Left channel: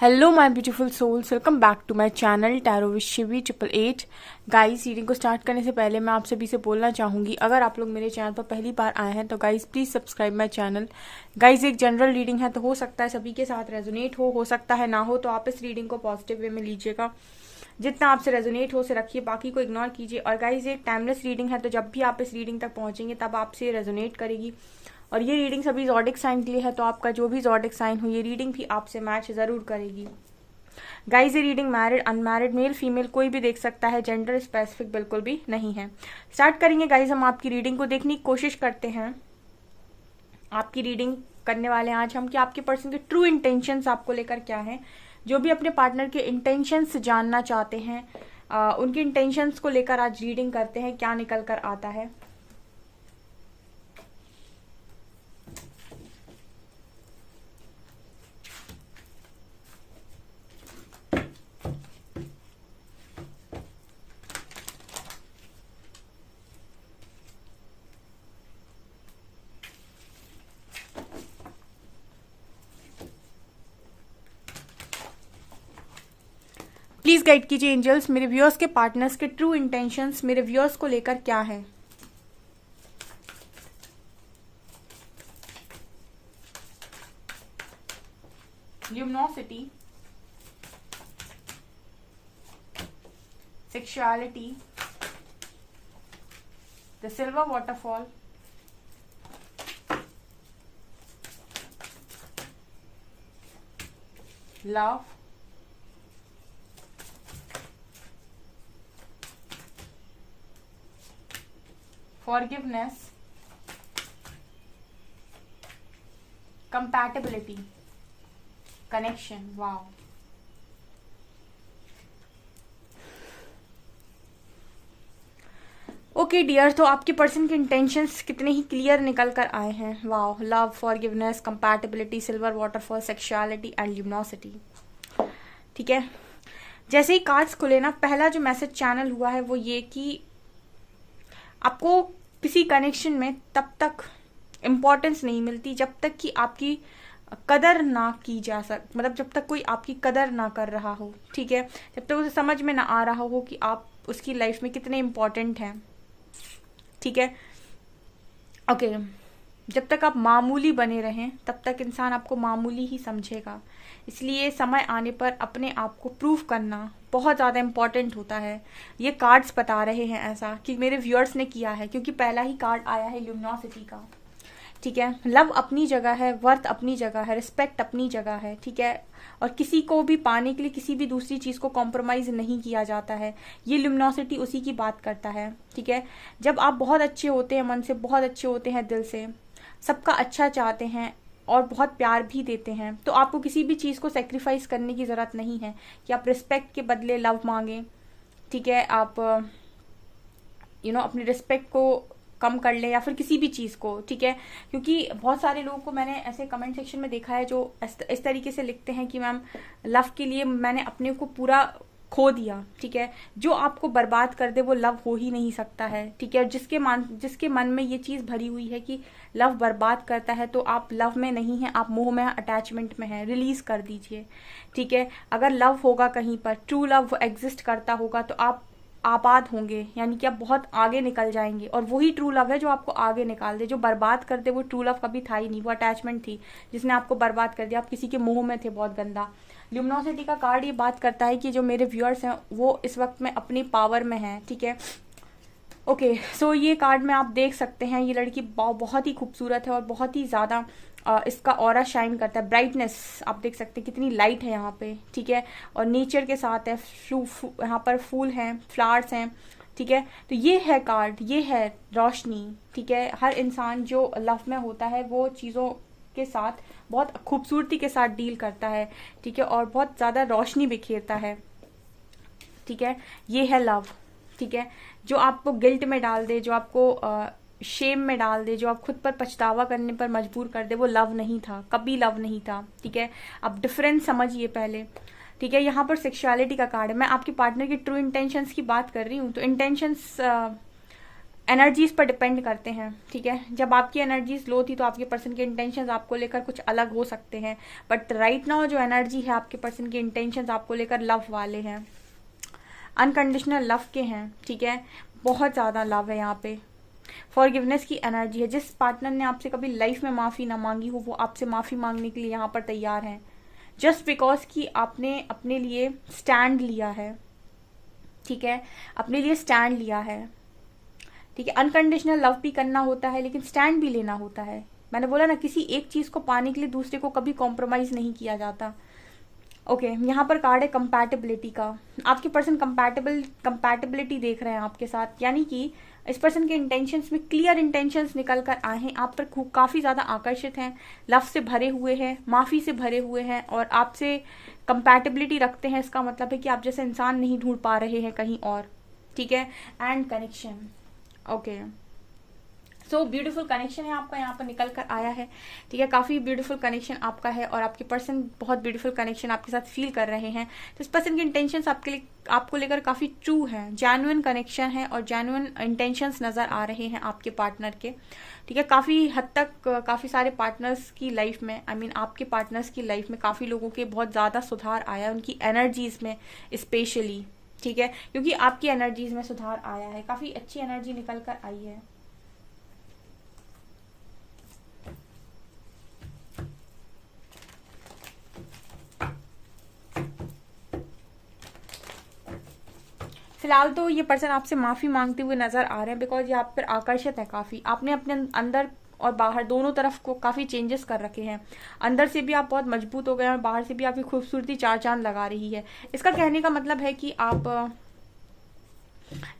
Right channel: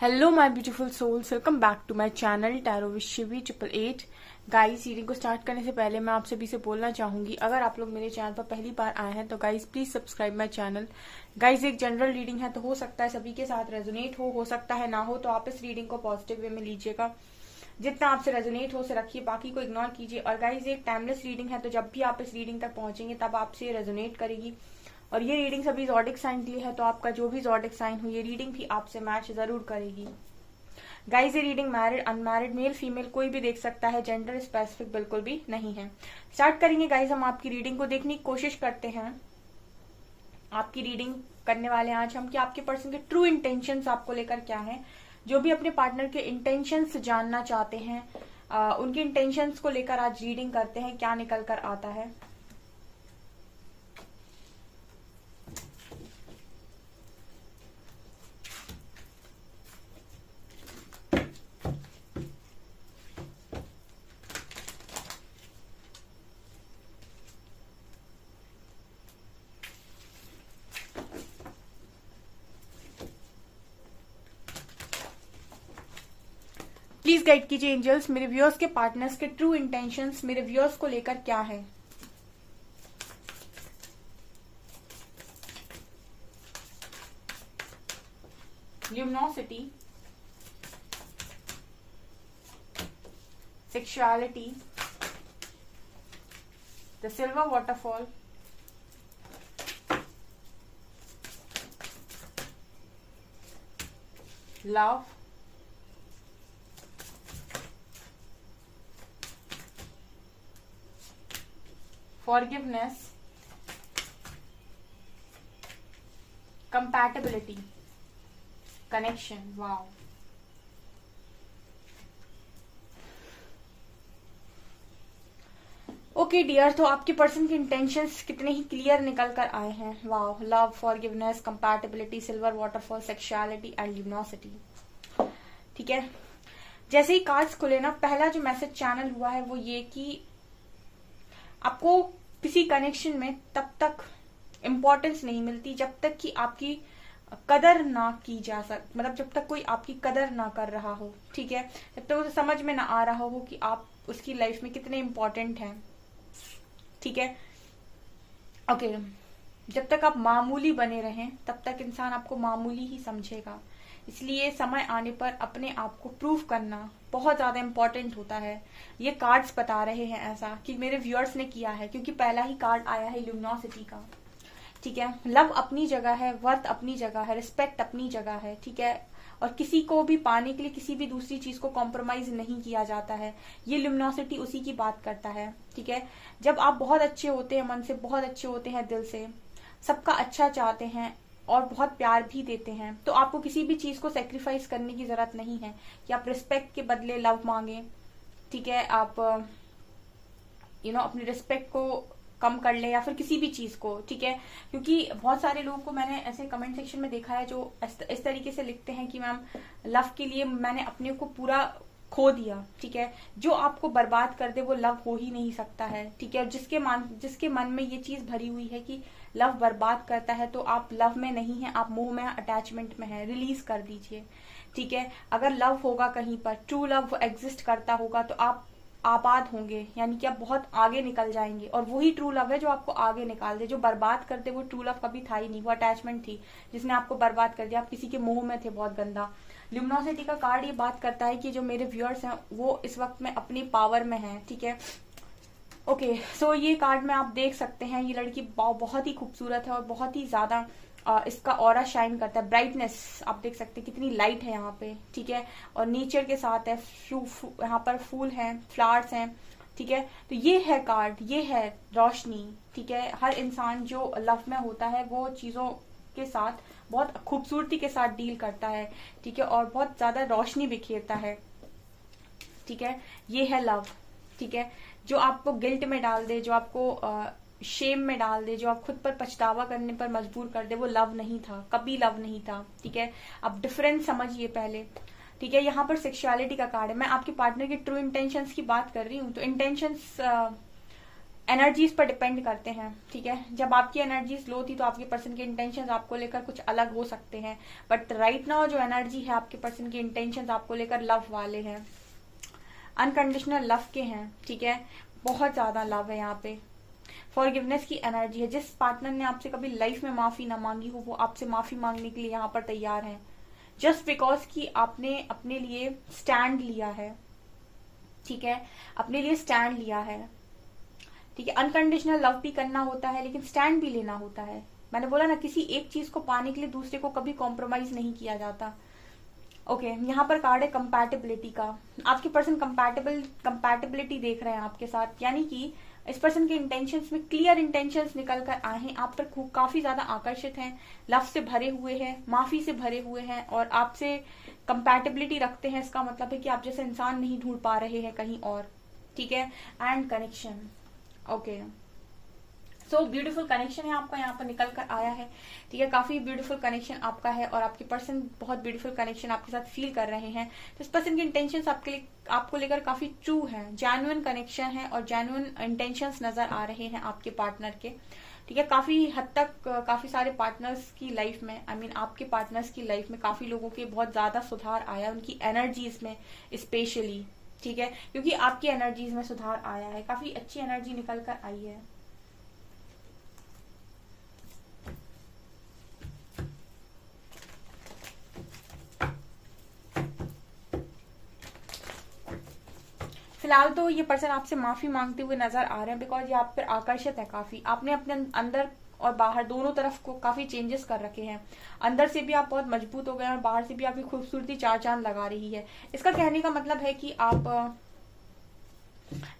Hello my beautiful souls, welcome back to my channel tarot with Shivi 888। Guys, reading को start करने से पहले मैं आप सभी से बोलना चाहूंगी, अगर आप लोग मेरे चैनल पर पहली बार आए हैं तो guys please subscribe my channel. Guys, एक जनरल रीडिंग है तो हो सकता है सभी के साथ रेजोनेट हो सकता है ना हो, तो आप इस रीडिंग को पॉजिटिव वे में लीजिएगा। जितना आपसे रेजोनेट हो उसे रखिए, बाकी को इग्नोर कीजिए। और गाइस, एक टाइमलेस रीडिंग है तो जब भी आप इस रीडिंग तक पहुंचेंगे तब आपसे रेजोनेट करेगी। और ये रीडिंग सभी ज़ोडिक साइन के लिए है, तो आपका जो भी ज़ोडिक साइन हो ये रीडिंग भी आपसे मैच जरूर करेगी। गाइज, ये reading married unmarried male female कोई भी देख सकता है, जेंडर स्पेसिफिक बिल्कुल भी नहीं है। स्टार्ट करेंगे गाइज, हम आपकी रीडिंग को देखने की कोशिश करते हैं। आपकी रीडिंग करने वाले हैं आज हम कि आपके पर्सन के ट्रू इंटेंशंस आपको लेकर क्या है। जो भी अपने पार्टनर के इंटेंशंस जानना चाहते हैं उनके इंटेंशंस को लेकर आज रीडिंग करते हैं, क्या निकल कर आता है। प्लीज गाइड कीजिए एंजल्स, मेरे व्यूअर्स के पार्टनर्स के ट्रू इंटेंशंस मेरे व्यूअर्स को लेकर क्या है। Luminosity, sexuality, the silver waterfall, love, forgiveness, compatibility, connection। wow, okay dear, तो आपके पर्सन के इंटेंशंस कितने ही क्लियर निकल कर आए हैं। Wow, love, forgiveness, compatibility, silver waterfall, sexuality and luminosity. ठीक है, जैसे ही कार्ड्स खुले ना, पहला जो मैसेज चैनल हुआ है वो ये कि आपको किसी कनेक्शन में तब तक इम्पोर्टेंस नहीं मिलती जब तक कि आपकी कदर ना की जा मतलब जब तक कोई आपकी कदर ना कर रहा हो। ठीक है, जब तक उसे समझ में ना आ रहा हो कि आप उसकी लाइफ में कितने इम्पोर्टेंट हैं। ठीक है, ओके, जब तक आप मामूली बने रहें तब तक इंसान आपको मामूली ही समझेगा। इसलिए समय आने पर अपने आप को प्रूव करना बहुत ज्यादा इंपॉर्टेंट होता है। ये कार्ड्स बता रहे हैं ऐसा कि मेरे व्यूअर्स ने किया है, क्योंकि पहला ही कार्ड आया है ल्यूमिनोसिटी का। ठीक है, लव अपनी जगह है, वर्थ अपनी जगह है, रिस्पेक्ट अपनी जगह है। ठीक है, और किसी को भी पाने के लिए किसी भी दूसरी चीज को कॉम्प्रोमाइज नहीं किया जाता है। ये ल्यूमिनोसिटी उसी की बात करता है। ठीक है, जब आप बहुत अच्छे होते हैं, मन से बहुत अच्छे होते हैं, दिल से सबका अच्छा चाहते हैं और बहुत प्यार भी देते हैं, तो आपको किसी भी चीज को सेक्रीफाइस करने की जरूरत नहीं है कि आप रिस्पेक्ट के बदले लव मांगे। ठीक है, आप अपनी रिस्पेक्ट को कम कर ले या फिर किसी भी चीज को। ठीक है, क्योंकि बहुत सारे लोगों को मैंने ऐसे कमेंट सेक्शन में देखा है जो इस तरीके से लिखते हैं कि मैम लव के लिए मैंने अपने को पूरा खो दिया। ठीक है, जो आपको बर्बाद कर दे वो लव हो ही नहीं सकता है। ठीक है, जिसके मन में ये चीज भरी हुई है कि लव बर्बाद करता है, तो आप लव में नहीं है, आप मोह में, अटैचमेंट में है, रिलीज कर दीजिए। ठीक है, अगर लव होगा कहीं पर, ट्रू लव एग्जिस्ट करता होगा, तो आप आबाद होंगे, यानी कि आप बहुत आगे निकल जाएंगे। और वही ट्रू लव है जो आपको आगे निकाल दे। जो बर्बाद कर दे वो ट्रू लव कभी था ही नहीं, वो अटैचमेंट थी जिसने आपको बर्बाद कर दिया। आप किसी के मोह में थे बहुत गंदा। ल्यूमिनोसिटी का कार्ड ये बात करता है कि जो मेरे व्यूअर्स हैं वो इस वक्त में अपनी पावर में हैं। ठीक है, ओके, सो ये कार्ड में आप देख सकते हैं ये लड़की बहुत ही खूबसूरत है और बहुत ही ज्यादा इसका ऑरा शाइन करता है। ब्राइटनेस आप देख सकते हैं, कितनी लाइट है यहाँ पे। ठीक है, और नेचर के साथ है, यहाँ पर फूल हैं, फ्लावर्स हैं। ठीक है, तो ये है कार्ड, ये है रोशनी। ठीक है, हर इंसान जो लव में होता है वो चीजों के साथ बहुत खूबसूरती के साथ डील करता है। ठीक है, और बहुत ज्यादा रोशनी बिखेरता है। ठीक है, ये है लव। ठीक है, जो आपको गिल्ट में डाल दे, जो आपको शेम में डाल दे, जो आप खुद पर पछतावा करने पर मजबूर कर दे, वो लव नहीं था, कभी लव नहीं था। ठीक है, अब डिफरेंस समझिए पहले। ठीक है, यहाँ पर सेक्सुअलिटी का कार्ड है। मैं आपके पार्टनर के ट्रू इंटेंशंस की बात कर रही हूँ, तो इंटेंशंस एनर्जीज पर डिपेंड करते हैं, ठीक है। जब आपकी एनर्जीज लो थी तो आपके पर्सन के इंटेंशंस आपको लेकर कुछ अलग हो सकते हैं, बट राइट नाउ जो एनर्जी है आपके पर्सन के इंटेंशंस आपको लेकर लव वाले हैं, अनकंडीशनल लव के हैं, ठीक है। बहुत ज्यादा लव है यहाँ पे, फॉरगिवनेस की एनर्जी है। जिस पार्टनर ने आपसे कभी लाइफ में माफी ना मांगी हो वो आपसे माफी मांगने के लिए यहाँ पर तैयार है, जस्ट बिकॉज कि आपने अपने लिए स्टैंड लिया है, ठीक है, अपने लिए स्टैंड लिया है, ठीक है। अनकंडीशनल लव भी करना होता है लेकिन स्टैंड भी लेना होता है। मैंने बोला ना, किसी एक चीज को पाने के लिए दूसरे को कभी कॉम्प्रोमाइज नहीं किया जाता। ओके, यहाँ पर कार्ड है कंपैटिबिलिटी का। आपके पर्सन कंपैटिबिलिटी देख रहे हैं आपके साथ, यानी कि इस पर्सन के इंटेंशंस में क्लियर इंटेंशंस निकल कर आए हैं, आप पर काफी ज्यादा आकर्षित हैं, लव से भरे हुए हैं, माफी से भरे हुए हैं और आपसे कंपैटिबिलिटी रखते हैं। इसका मतलब है कि आप जैसे इंसान नहीं ढूंढ पा रहे हैं कहीं और, ठीक है। And connection, okay, so beautiful connection है आपका, यहाँ पर निकल कर आया है, ठीक है। काफी ब्यूटीफुल कनेक्शन आपका है और आपके पर्सन बहुत ब्यूटीफुल कनेक्शन आपके साथ फील कर रहे हैं। तो इस पर्सन के इंटेंशंस आपको लेकर काफी ट्रू है, जेन्युइन कनेक्शन है और जेन्युइन इंटेंशंस नजर आ रहे हैं आपके पार्टनर के, ठीक है। काफी हद तक काफी सारे पार्टनर्स की लाइफ में, आई मीन आपके पार्टनर्स की लाइफ में काफी लोगों के बहुत ज्यादा सुधार आया, उनकी एनर्जीज में स्पेशली, ठीक है, क्योंकि आपकी एनर्जीज में सुधार आया है, काफी अच्छी एनर्जी निकल कर आई है। फिलहाल तो ये पर्सन आपसे माफी मांगते हुए नजर आ रहे हैं, बिकॉज ये आप पर आकर्षित है काफी। आपने अपने अंदर और बाहर दोनों तरफ को काफी चेंजेस कर रखे हैं। अंदर से भी आप बहुत मजबूत हो गए और बाहर से भी आपकी खूबसूरती चार चांद लगा रही है। इसका कहने का मतलब है कि आप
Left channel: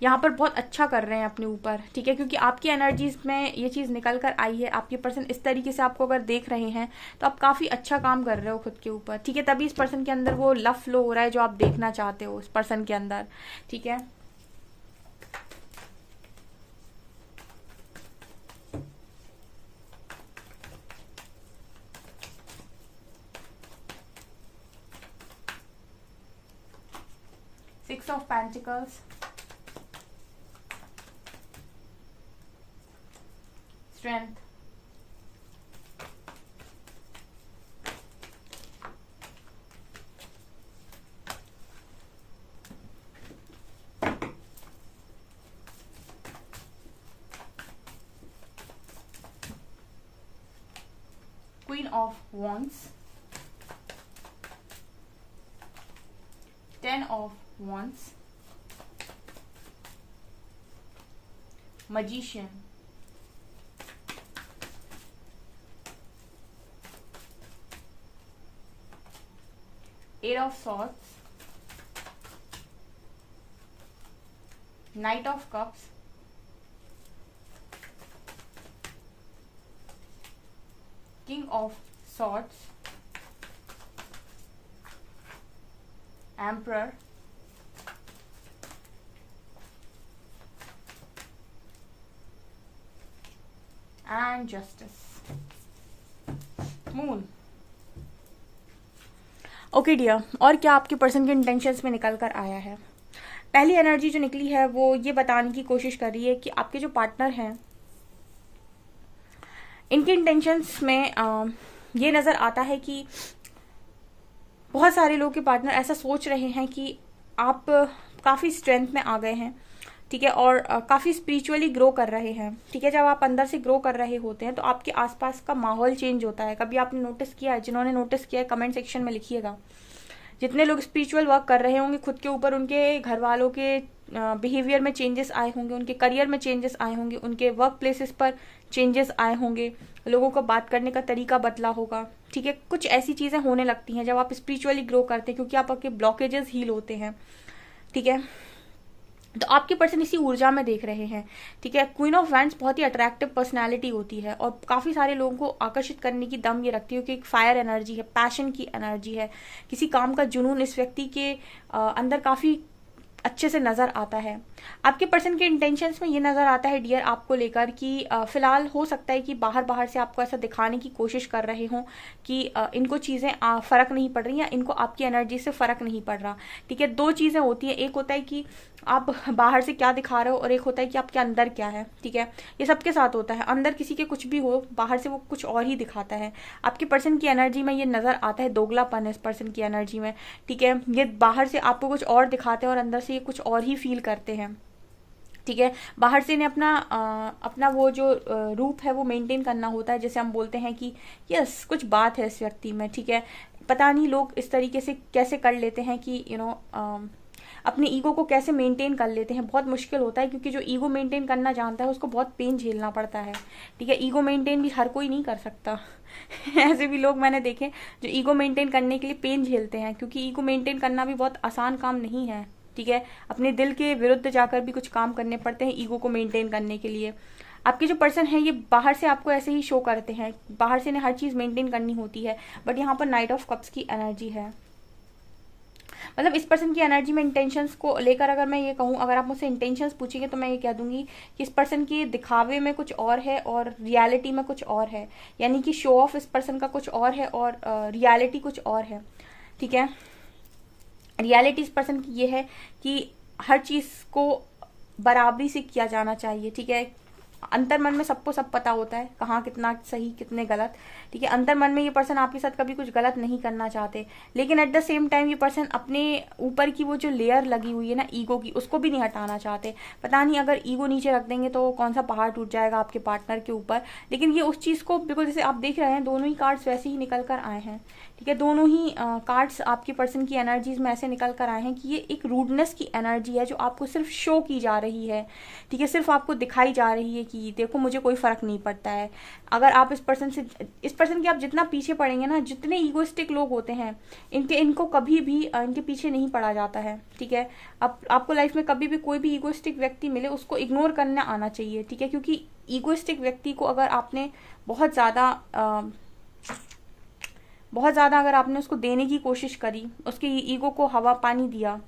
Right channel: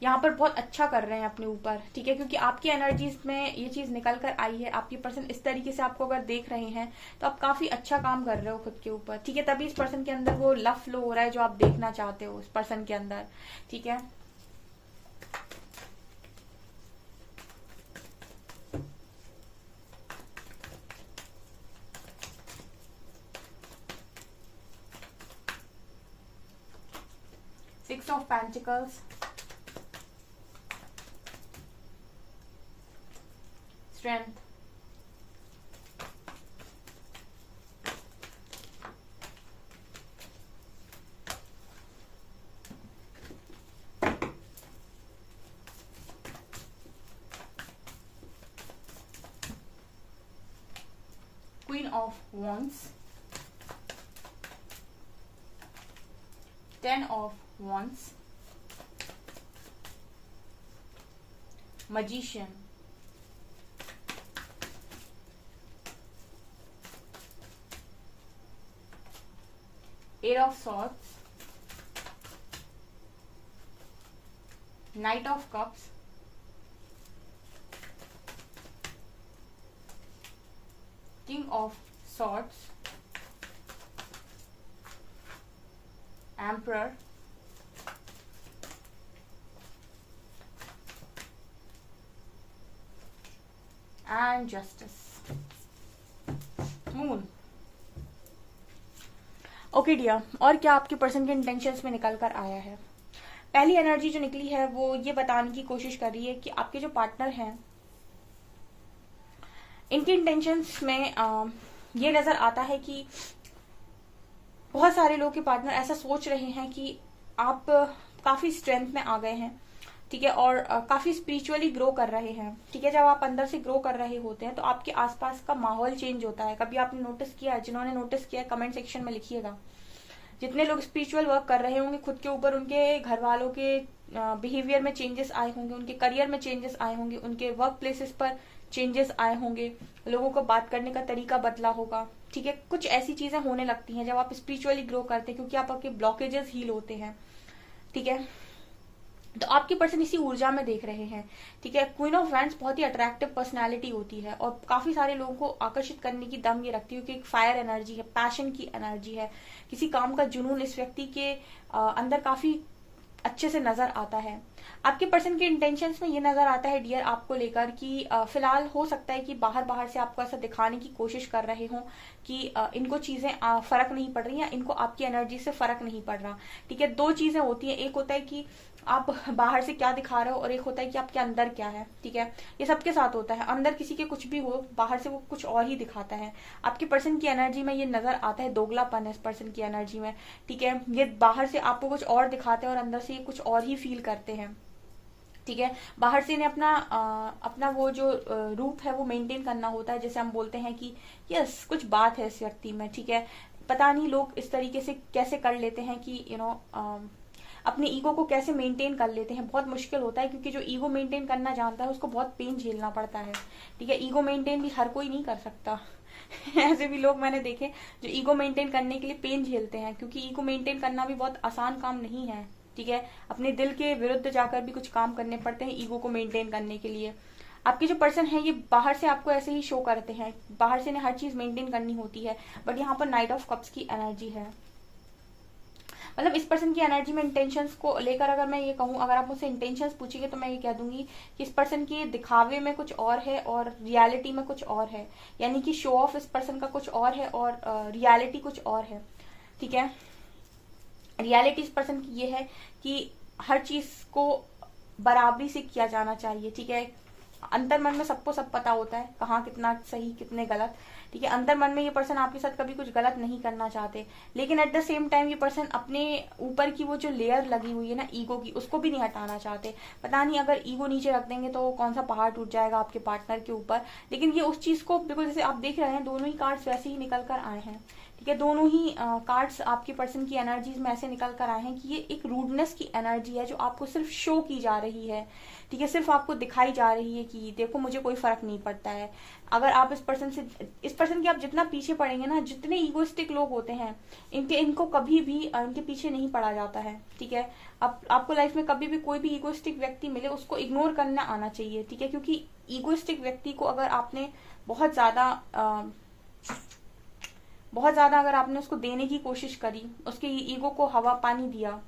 यहाँ पर बहुत अच्छा कर रहे हैं अपने ऊपर, ठीक है, क्योंकि आपकी एनर्जीज में ये चीज निकल कर आई है। आपके पर्सन इस तरीके से आपको अगर देख रहे हैं तो आप काफी अच्छा काम कर रहे हो खुद के ऊपर, ठीक है। तभी इस पर्सन के अंदर वो लव फ्लो हो रहा है जो आप देखना चाहते हो इस पर्सन के अंदर, ठीक है। Six of Pentacles, Strength, Queen of Wands, Ten of Wands, Magician, Eight of Swords, Knight of Cups, King of Swords, Emperor, and Justice, Moon। Okay dear, और क्या आपके पर्सन के इंटेंशंस में निकल कर आया है? पहली एनर्जी जो निकली है वो ये बताने की कोशिश कर रही है कि आपके जो पार्टनर हैं इनके इंटेंशंस में ये नजर आता है कि बहुत सारे लोग के पार्टनर ऐसा सोच रहे हैं कि आप काफी स्ट्रेंथ में आ गए हैं, ठीक है, और काफी स्पिरिचुअली ग्रो कर रहे हैं, ठीक है। जब आप अंदर से ग्रो कर रहे होते हैं तो आपके आसपास का माहौल चेंज होता है। कभी आपने नोटिस किया है? जिन्होंने नोटिस किया है कमेंट सेक्शन में लिखिएगा। जितने लोग स्पिरिचुअल वर्क कर रहे होंगे खुद के ऊपर, उनके घर वालों के बिहेवियर में चेंजेस आए होंगे, उनके करियर में चेंजेस आए होंगे, उनके वर्क प्लेसेस पर चेंजेस आए होंगे, लोगों को बात करने का तरीका बदला होगा, ठीक है। कुछ ऐसी चीजें होने लगती हैं जब आप स्पिरिचुअली ग्रो करते हैं, क्योंकि आपके ब्लॉकेजेस हील होते हैं, ठीक है। तो आपके पर्सन इसी ऊर्जा में देख रहे हैं, ठीक है। क्वीन ऑफ वैंड्स बहुत ही अट्रैक्टिव पर्सनालिटी होती है और काफी सारे लोगों को आकर्षित करने की दम ये रखती है, क्योंकि एक फायर एनर्जी है, पैशन की एनर्जी है, किसी काम का जुनून इस व्यक्ति के अंदर काफी अच्छे से नजर आता है। आपके पर्सन के इंटेंशंस में ये नजर आता है डियर आपको लेकर कि फिलहाल हो सकता है कि बाहर बाहर से आपको ऐसा दिखाने की कोशिश कर रहे हो कि इनको चीजें फर्क नहीं पड़ रही या इनको आपकी एनर्जी से फर्क नहीं पड़ रहा। ठीक है, दो चीजें होती है, एक होता है कि आप बाहर से क्या दिखा रहे हो और एक होता है कि आपके अंदर क्या है। ठीक है, ये सबके साथ होता है, अंदर किसी के कुछ भी हो, बाहर से वो कुछ और ही दिखाता है। आपके पर्सन की एनर्जी में ये नजर आता है, दोगलापन है इस पर्सन की एनर्जी में। ठीक है, ये बाहर से आपको कुछ और दिखाते हैं और अंदर से ये कुछ और ही फील करते हैं। ठीक है, बाहर से इन्हें अपना वो जो रूप है वो मेंटेन करना होता है, जैसे हम बोलते हैं कि यस कुछ बात है इस व्यक्ति में। ठीक है, पता नहीं लोग इस तरीके से कैसे कर लेते हैं कि अपनी ईगो को कैसे मेंटेन कर लेते हैं। बहुत मुश्किल होता है, क्योंकि जो ईगो मेंटेन करना जानता है उसको बहुत पेन झेलना पड़ता है। ठीक है, ईगो मेंटेन भी हर कोई नहीं कर सकता ऐसे भी लोग मैंने देखे जो ईगो मेंटेन करने के लिए पेन झेलते हैं, क्योंकि ईगो मेंटेन करना भी बहुत आसान काम नहीं है। ठीक है, अपने दिल के विरुद्ध जाकर भी कुछ काम करने पड़ते हैं ईगो को मेंटेन करने के लिए। आपके जो पर्सन है ये बाहर से आपको ऐसे ही शो करते हैं, बाहर से इन्हें हर चीज मेंटेन करनी होती है, बट यहाँ पर नाइट ऑफ कप्स की एनर्जी है। मतलब इस पर्सन की एनर्जी में इंटेंशंस को लेकर अगर मैं ये कहूं, अगर आप मुझसे इंटेंशंस पूछेंगे तो मैं ये कह दूंगी कि इस पर्सन की दिखावे में कुछ और है और रियलिटी में कुछ और है। यानी कि शो ऑफ इस पर्सन का कुछ और है और रियलिटी कुछ और है। ठीक है, रियलिटी इस पर्सन की ये है कि हर चीज को बराबरी से किया जाना चाहिए। ठीक है, अंतर मन में सबको सब पता होता है कहाँ कितना सही कितने गलत। ठीक है, अंतर मन में ये पर्सन आपके साथ कभी कुछ गलत नहीं करना चाहते, लेकिन एट द सेम टाइम ये पर्सन अपने ऊपर की वो जो लेयर लगी हुई है ना ईगो की, उसको भी नहीं हटाना चाहते। पता नहीं अगर ईगो नीचे रख देंगे तो कौन सा पहाड़ टूट जाएगा आपके पार्टनर के ऊपर। लेकिन ये उस चीज को बिल्कुल, जैसे आप देख रहे हैं दोनों ही कार्ड्स वैसे ही निकल कर आए हैं। ठीक है, दोनों ही कार्ड्स आपके पर्सन की एनर्जीज में ऐसे निकल कर आए हैं कि ये एक रूडनेस की एनर्जी है जो आपको सिर्फ शो की जा रही है। ठीक है, सिर्फ आपको दिखाई जा रही है कि देखो मुझे कोई फर्क नहीं पड़ता है। अगर आप इस पर्सन के आप जितना पीछे पड़ेंगे ना, जितने ईगोइस्टिक लोग होते हैं इनको कभी भी इनके पीछे नहीं पड़ा जाता है। ठीक है, आपको लाइफ में कभी भी कोई भी ईगोइस्टिक व्यक्ति मिले उसको इग्नोर करना आना चाहिए। ठीक है, क्योंकि ईगोइस्टिक व्यक्ति को अगर आपने बहुत ज्यादा अगर आपने उसको देने की कोशिश करी, उसके ईगो को हवा पानी दिया,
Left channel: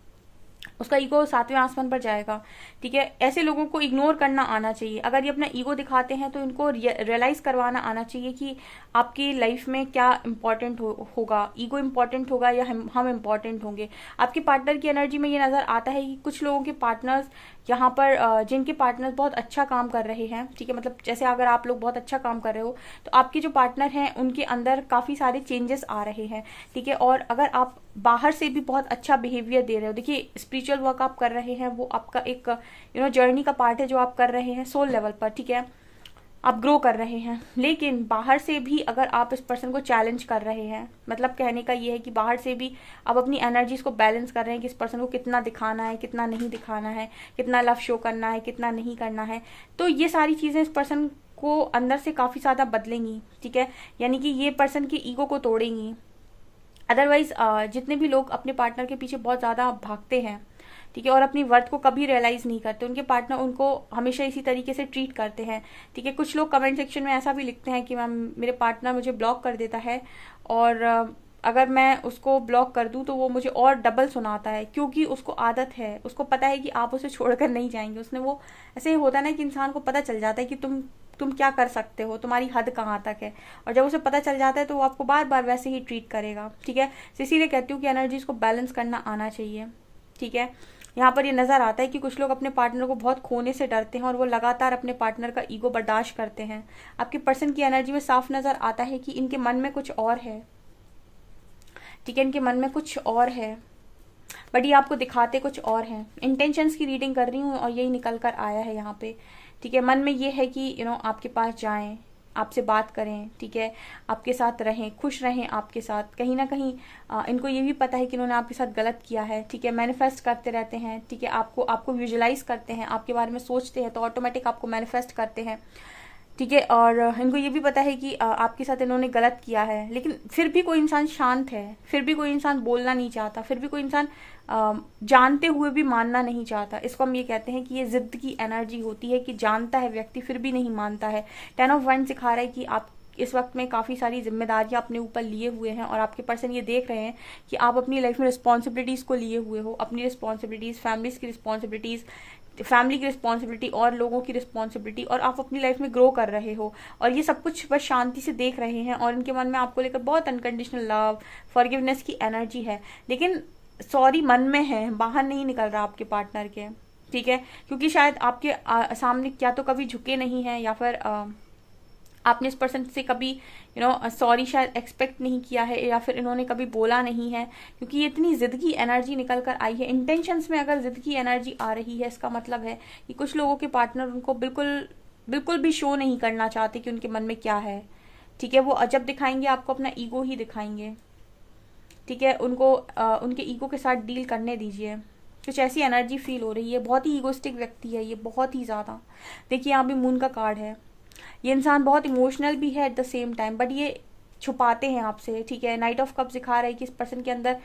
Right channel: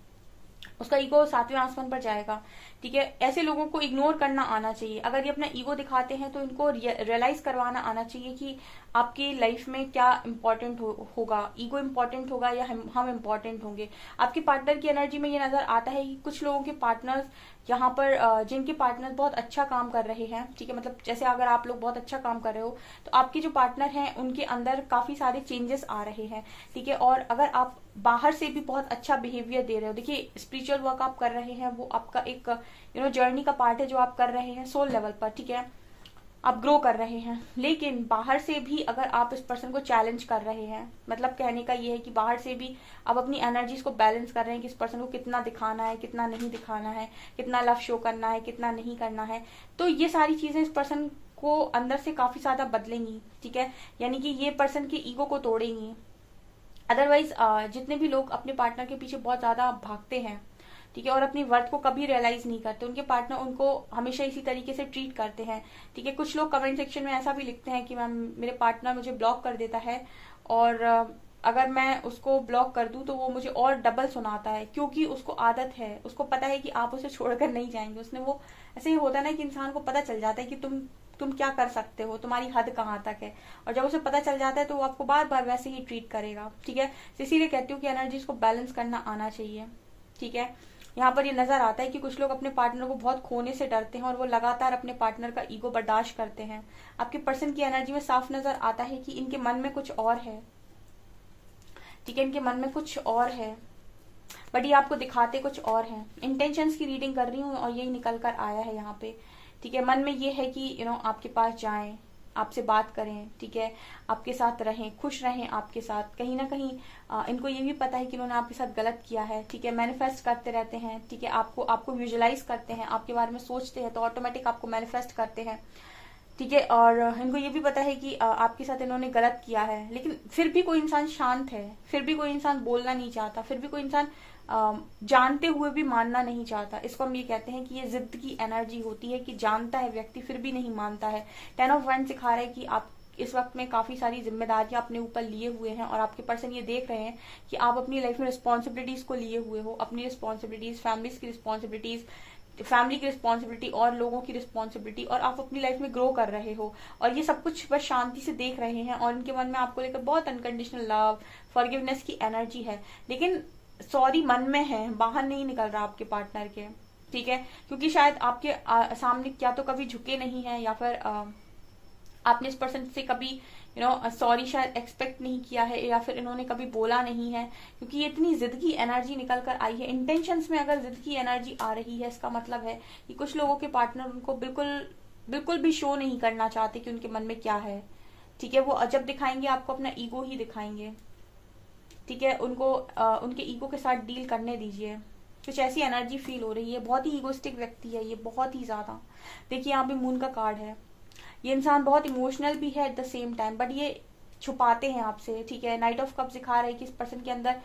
उसका ईगो 7वें आसमान पर जाएगा। ठीक है, ऐसे लोगों को इग्नोर करना आना चाहिए। अगर ये अपना ईगो दिखाते हैं तो इनको रियलाइज करवाना आना चाहिए कि आपकी लाइफ में क्या इंपॉर्टेंट होगा, ईगो इंपॉर्टेंट होगा या हम इंपॉर्टेंट होंगे। आपके पार्टनर की एनर्जी में ये नजर आता है कि कुछ लोगों के पार्टनर्स यहाँ पर जिनके पार्टनर बहुत अच्छा काम कर रहे हैं। ठीक है, मतलब जैसे अगर आप लोग बहुत अच्छा काम कर रहे हो तो आपके जो पार्टनर हैं उनके अंदर काफी सारे चेंजेस आ रहे हैं। ठीक है, और अगर आप बाहर से भी बहुत अच्छा बिहेवियर दे रहे हो, देखिए स्पिरिचुअल वर्क आप कर रहे हैं, वो आपका एक जर्नी का पार्ट है जो आप कर रहे हैं सोल लेवल पर। ठीक है, आप ग्रो कर रहे हैं, लेकिन बाहर से भी अगर आप इस पर्सन को चैलेंज कर रहे हैं, मतलब कहने का ये है कि बाहर से भी आप अपनी एनर्जीज को बैलेंस कर रहे हैं कि इस पर्सन को कितना दिखाना है, कितना नहीं दिखाना है, कितना लव शो करना है, कितना नहीं करना है, तो ये सारी चीजें इस पर्सन को अंदर से काफी ज्यादा बदलेंगी। ठीक है, यानी कि ये पर्सन के ईगो को तोड़ेंगी। अदरवाइज जितने भी लोग अपने पार्टनर के पीछे बहुत ज्यादा भागते हैं, ठीक है, और अपनी वर्थ को कभी रियलाइज नहीं करते, उनके पार्टनर उनको हमेशा इसी तरीके से ट्रीट करते हैं। ठीक है, कुछ लोग कमेंट सेक्शन में ऐसा भी लिखते हैं कि मैम मेरे पार्टनर मुझे ब्लॉक कर देता है और अगर मैं उसको ब्लॉक कर दूं तो वो मुझे और डबल सुनाता है, क्योंकि उसको आदत है, उसको पता है कि आप उसे छोड़कर नहीं जाएंगे। उसने वो ऐसे ही होता है ना कि इंसान को पता चल जाता है कि तुम क्या कर सकते हो, तुम्हारी हद कहाँ तक है, और जब उसे पता चल जाता है तो वो आपको बार बार वैसे ही ट्रीट करेगा। ठीक है, इसीलिए कहती हूँ कि एनर्जीज को बैलेंस करना आना चाहिए। ठीक है, यहाँ पर ये नजर आता है कि कुछ लोग अपने पार्टनर को बहुत खोने से डरते हैं और वो लगातार अपने पार्टनर का ईगो बर्दाश्त करते हैं। आपके पर्सन की एनर्जी में साफ नजर आता है कि इनके मन में कुछ और है। ठीक है, इनके मन में कुछ और है, बट ये आपको दिखाते कुछ और है। इंटेंशंस की रीडिंग कर रही हूँ और यही निकल कर आया है यहाँ पे। ठीक है, मन में ये है कि आपके पास जाएं, आपसे बात करें। ठीक है, आपके साथ रहें, खुश रहें आपके साथ। कहीं ना कहीं इनको ये भी पता है कि इन्होंने आपके साथ गलत किया है। ठीक है, मैनिफेस्ट करते रहते हैं। ठीक है, आपको विजुलाइज करते हैं, आपके बारे में सोचते हैं तो ऑटोमेटिक आपको मैनिफेस्ट करते हैं। ठीक है, और इनको ये भी पता है कि आपके साथ इन्होंने गलत किया है, लेकिन फिर भी कोई इंसान शांत है, फिर भी कोई इंसान बोलना नहीं चाहता, फिर भी कोई इंसान जानते हुए भी मानना नहीं चाहता। इसको हम ये कहते हैं कि ये जिद की एनर्जी होती है कि जानता है व्यक्ति फिर भी नहीं मानता है। 10 ऑफ वाइंड सिखा रहा है कि इस वक्त में काफी सारी जिम्मेदारियां अपने ऊपर लिए हुए हैं और आपके पर्सन ये देख रहे हैं कि आप अपनी लाइफ में रिस्पॉन्सिबिलिटीज को लिए हुए हो, अपनी रिस्पॉन्सिबिलिटीज, फैमिलीज की रिस्पॉन्सिबिलिटीज, फैमिली की रिस्पॉन्सिबिलिटी और लोगों की रिस्पॉन्सिबिलिटी, और आप अपनी लाइफ में ग्रो कर रहे हो और ये सब कुछ बस शांति से देख रहे हैं और इनके मन में आपको लेकर बहुत अनकंडीशनल लव, फॉरगिवनेस की एनर्जी है। लेकिन सॉरी मन में है, बाहर नहीं निकल रहा आपके पार्टनर के, ठीक है, क्योंकि शायद आपके सामने क्या तो कभी झुके नहीं है या फिर आपने इस पर्सन से कभी सॉरी शायद एक्सपेक्ट नहीं किया है या फिर इन्होंने कभी बोला नहीं है, क्योंकि ये इतनी जिद की एनर्जी निकल कर आई है। इंटेंशंस में अगर जिद की एनर्जी आ रही है, इसका मतलब है कि कुछ लोगों के पार्टनर उनको बिल्कुल भी शो नहीं करना चाहते कि उनके मन में क्या है, ठीक है। वो जब दिखाएंगे आपको अपना ईगो ही दिखाएंगे, ठीक है। उनको उनके ईगो के साथ डील करने दीजिए। कुछ ऐसी एनर्जी फील हो रही है, बहुत ही ईगोस्टिक व्यक्ति है ये, बहुत ही ज्यादा। देखिए यहाँ भी मून का कार्ड है। ये इंसान बहुत इमोशनल भी है at the same time, but ये छुपाते हैं आपसे, ठीक है। नाइट ऑफ कप्स दिखा रहा है कि इस पर्सन के अंदर,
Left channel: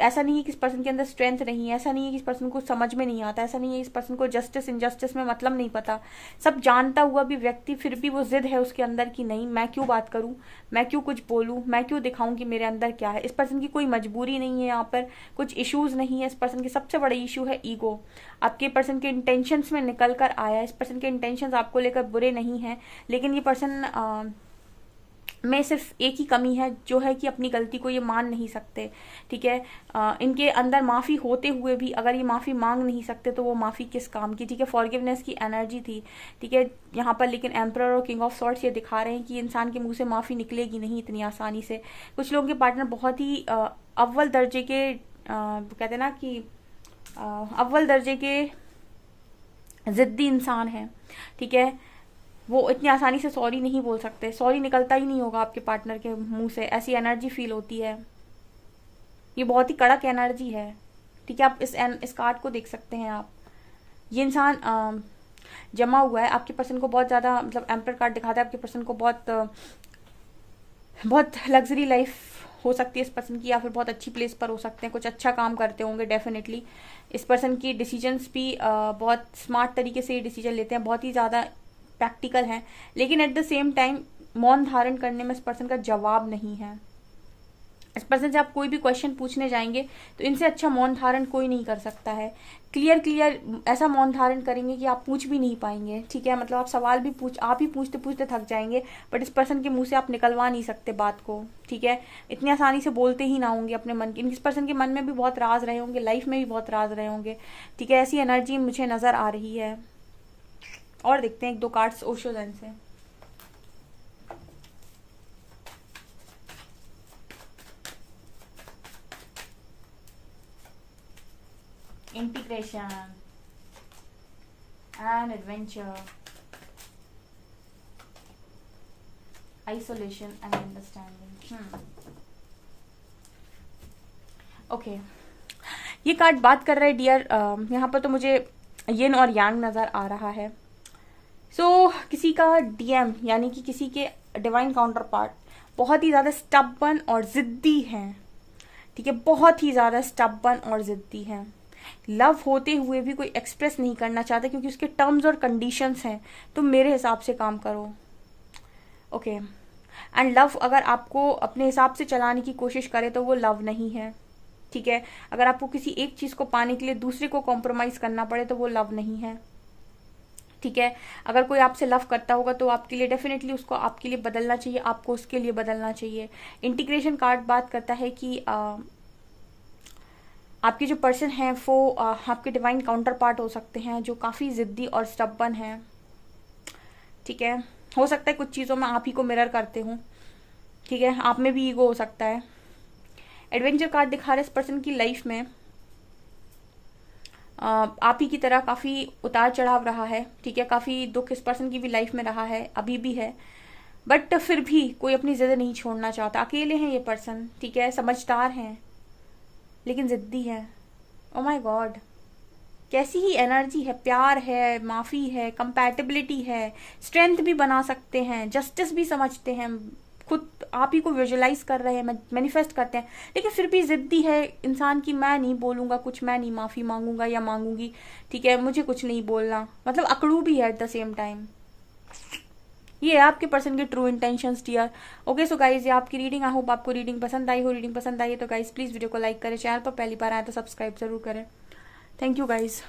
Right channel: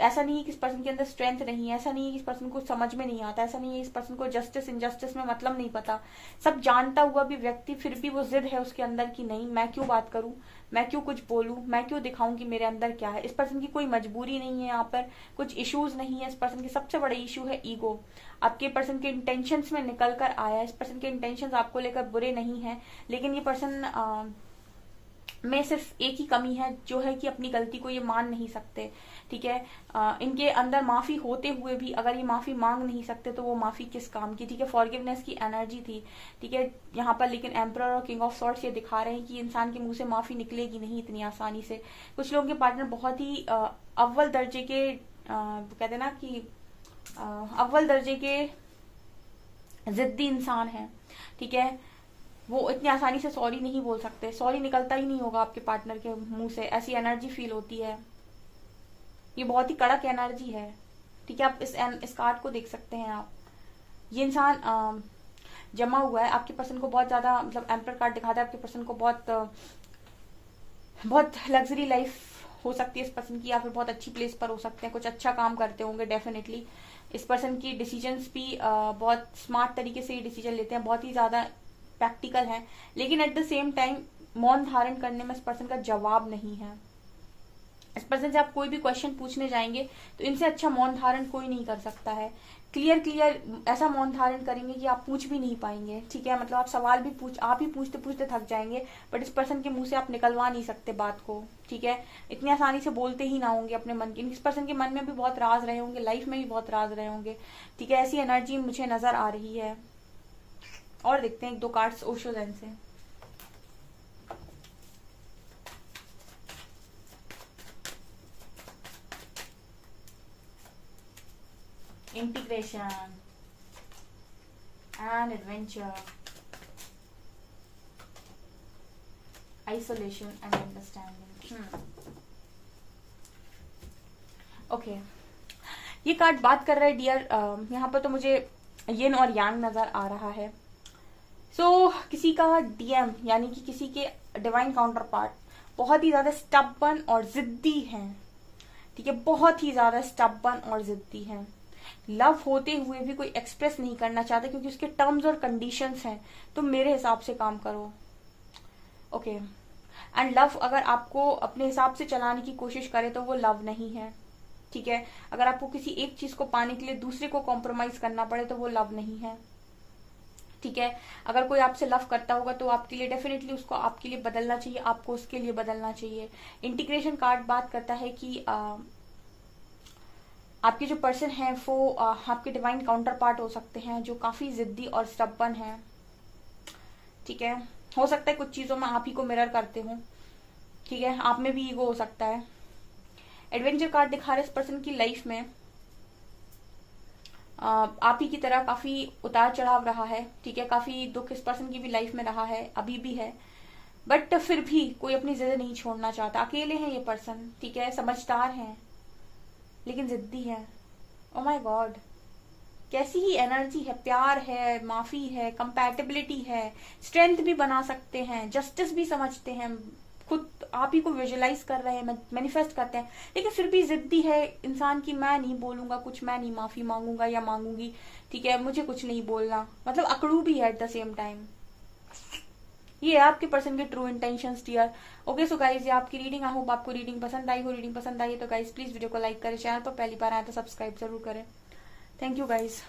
ऐसा नहीं है कि इस पर्सन के अंदर स्ट्रेंथ नहीं है, ऐसा नहीं है कि इस पर्सन को समझ में नहीं आता, ऐसा नहीं है इस पर्सन को जस्टिस इनजस्टिस में मतलब नहीं पता। सब जानता हुआ भी व्यक्ति फिर भी वो जिद है उसके अंदर कि नहीं, मैं क्यों बात करूं, मैं क्यों कुछ बोलूं, मैं क्यों दिखाऊं कि मेरे अंदर क्या है। इस पर्सन की कोई मजबूरी नहीं है, यहाँ पर कुछ इश्यूज नहीं है। इस पर्सन की सबसे बड़ा इशू है ईगो। आपके पर्सन के इंटेंशंस में निकल कर आया। इस पर्सन के इंटेंशंस आपको लेकर बुरे नहीं है, लेकिन ये पर्सन में सिर्फ एक ही कमी है, जो है कि अपनी गलती को ये मान नहीं सकते, ठीक है। इनके अंदर माफी होते हुए भी अगर ये माफी मांग नहीं सकते तो वो माफी किस काम की, ठीक है। फॉरगिवनेस की एनर्जी थी, ठीक है यहाँ पर, लेकिन एम्परर और किंग ऑफ सॉर्ड्स ये दिखा रहे हैं कि इंसान के मुंह से माफी निकलेगी नहीं इतनी आसानी से। कुछ लोगों के पार्टनर बहुत ही अव्वल दर्जे के कहते हैं ना कि अव्वल दर्जे के जिद्दी इंसान है, ठीक है। वो इतनी आसानी से सॉरी नहीं बोल सकते, सॉरी निकलता ही नहीं होगा आपके पार्टनर के मुंह से, ऐसी एनर्जी फील होती है। ये बहुत ही कड़क एनर्जी है, ठीक है। आप इस कार्ड को देख सकते हैं आप। ये इंसान जमा हुआ है आपके पर्सन को बहुत ज्यादा, मतलब एम्पर कार्ड दिखाता है आपके पर्सन को बहुत लग्जरी लाइफ हो सकती है इस पर्सन की, या फिर बहुत अच्छी प्लेस पर हो सकते हैं, कुछ अच्छा काम करते होंगे डेफिनेटली। इस पर्सन की डिसीजंस भी बहुत स्मार्ट तरीके से ये डिसीजन लेते हैं, बहुत ही ज्यादा प्रैक्टिकल है, लेकिन एट द सेम टाइम मौन धारण करने में इस पर्सन का जवाब नहीं है। इस पर्सन से आप कोई भी क्वेश्चन पूछने जाएंगे तो इनसे अच्छा मौन धारण कोई नहीं कर सकता है। क्लियर ऐसा मौन धारण करेंगे कि आप पूछ भी नहीं पाएंगे, ठीक है। मतलब आप सवाल भी आप ही पूछते पूछते थक जाएंगे, बट इस पर्सन के मुंह से आप निकलवा नहीं सकते बात को, ठीक है। इतनी आसानी से बोलते ही ना होंगे अपने मन की। इस पर्सन के मन में भी बहुत राज रहे होंगे, लाइफ में भी बहुत राज रहे होंगे, ठीक है। ऐसी एनर्जी मुझे नजर आ रही है। और देखते हैं एक दो कार्ड्स ओशो ज़ेन से। Integration and adventure, isolation and understanding. Okay, ये कार्ड बात कर रहा है डियर, यहाँ पर तो मुझे यिन और यांग नजर आ रहा है। किसी का डीएम यानी कि किसी के डिवाइन काउंटर पार्ट बहुत ही ज्यादा स्टबर्न और जिद्दी है, ठीक है। बहुत ही ज्यादा स्टबर्न और जिद्दी है। लव होते हुए भी कोई एक्सप्रेस नहीं करना चाहता क्योंकि उसके टर्म्स और कंडीशंस हैं, तो मेरे हिसाब से काम करो, ओके। एंड लव अगर आपको अपने हिसाब से चलाने की कोशिश करे तो वो लव नहीं है, ठीक है। अगर आपको किसी एक चीज को पाने के लिए दूसरे को कॉम्प्रोमाइज करना पड़े तो वो लव नहीं है, ठीक है। अगर कोई आपसे लव करता होगा तो आपके लिए डेफिनेटली उसको आपके लिए बदलना चाहिए, आपको उसके लिए बदलना चाहिए। इंटीग्रेशन कार्ड बात करता है कि आपके जो पर्सन है वो आपके डिवाइन काउंटर पार्ट हो सकते हैं जो काफी जिद्दी और स्टबर्न है, ठीक है। हो सकता है कुछ चीजों में आप ही को मिरर करते हो, ठीक है। आप में भी ईगो हो सकता है। एडवेंचर कार्ड दिखा रहे इस पर्सन की लाइफ में आप ही की तरह काफी उतार चढ़ाव रहा है, ठीक है। काफी दुख इस पर्सन की भी लाइफ में रहा है, अभी भी है, बट फिर भी कोई अपनी जिद नहीं छोड़ना चाहता। अकेले हैं ये पर्सन, ठीक है, समझदार हैं लेकिन जिद्दी है। ओ माय गॉड, कैसी ही एनर्जी है। प्यार है, माफी है, कंपैटिबिलिटी है, स्ट्रेंथ भी बना सकते हैं, जस्टिस भी समझते हैं, खुद आप ही को विजुअलाइज कर रहे हैं, मैनिफेस्ट करते हैं, लेकिन फिर भी जिद्दी है इंसान की। मैं नहीं बोलूंगा कुछ, मैं नहीं माफी मांगूंगा या मांगूंगी, ठीक है, मुझे कुछ नहीं बोलना, मतलब अकड़ू भी है एट द सेम टाइम। ये है आपके पर्सन के true intentions dear. Okay so guys, ये आपकी रीडिंग। आई होप आपको रीडिंग पसंद आई हो। रीडिंग पसंद आई है तो गाइज प्लीज वीडियो को लाइक करें, चैनल पर पहली बार आए तो सब्सक्राइब जरूर करें। Thank you guys.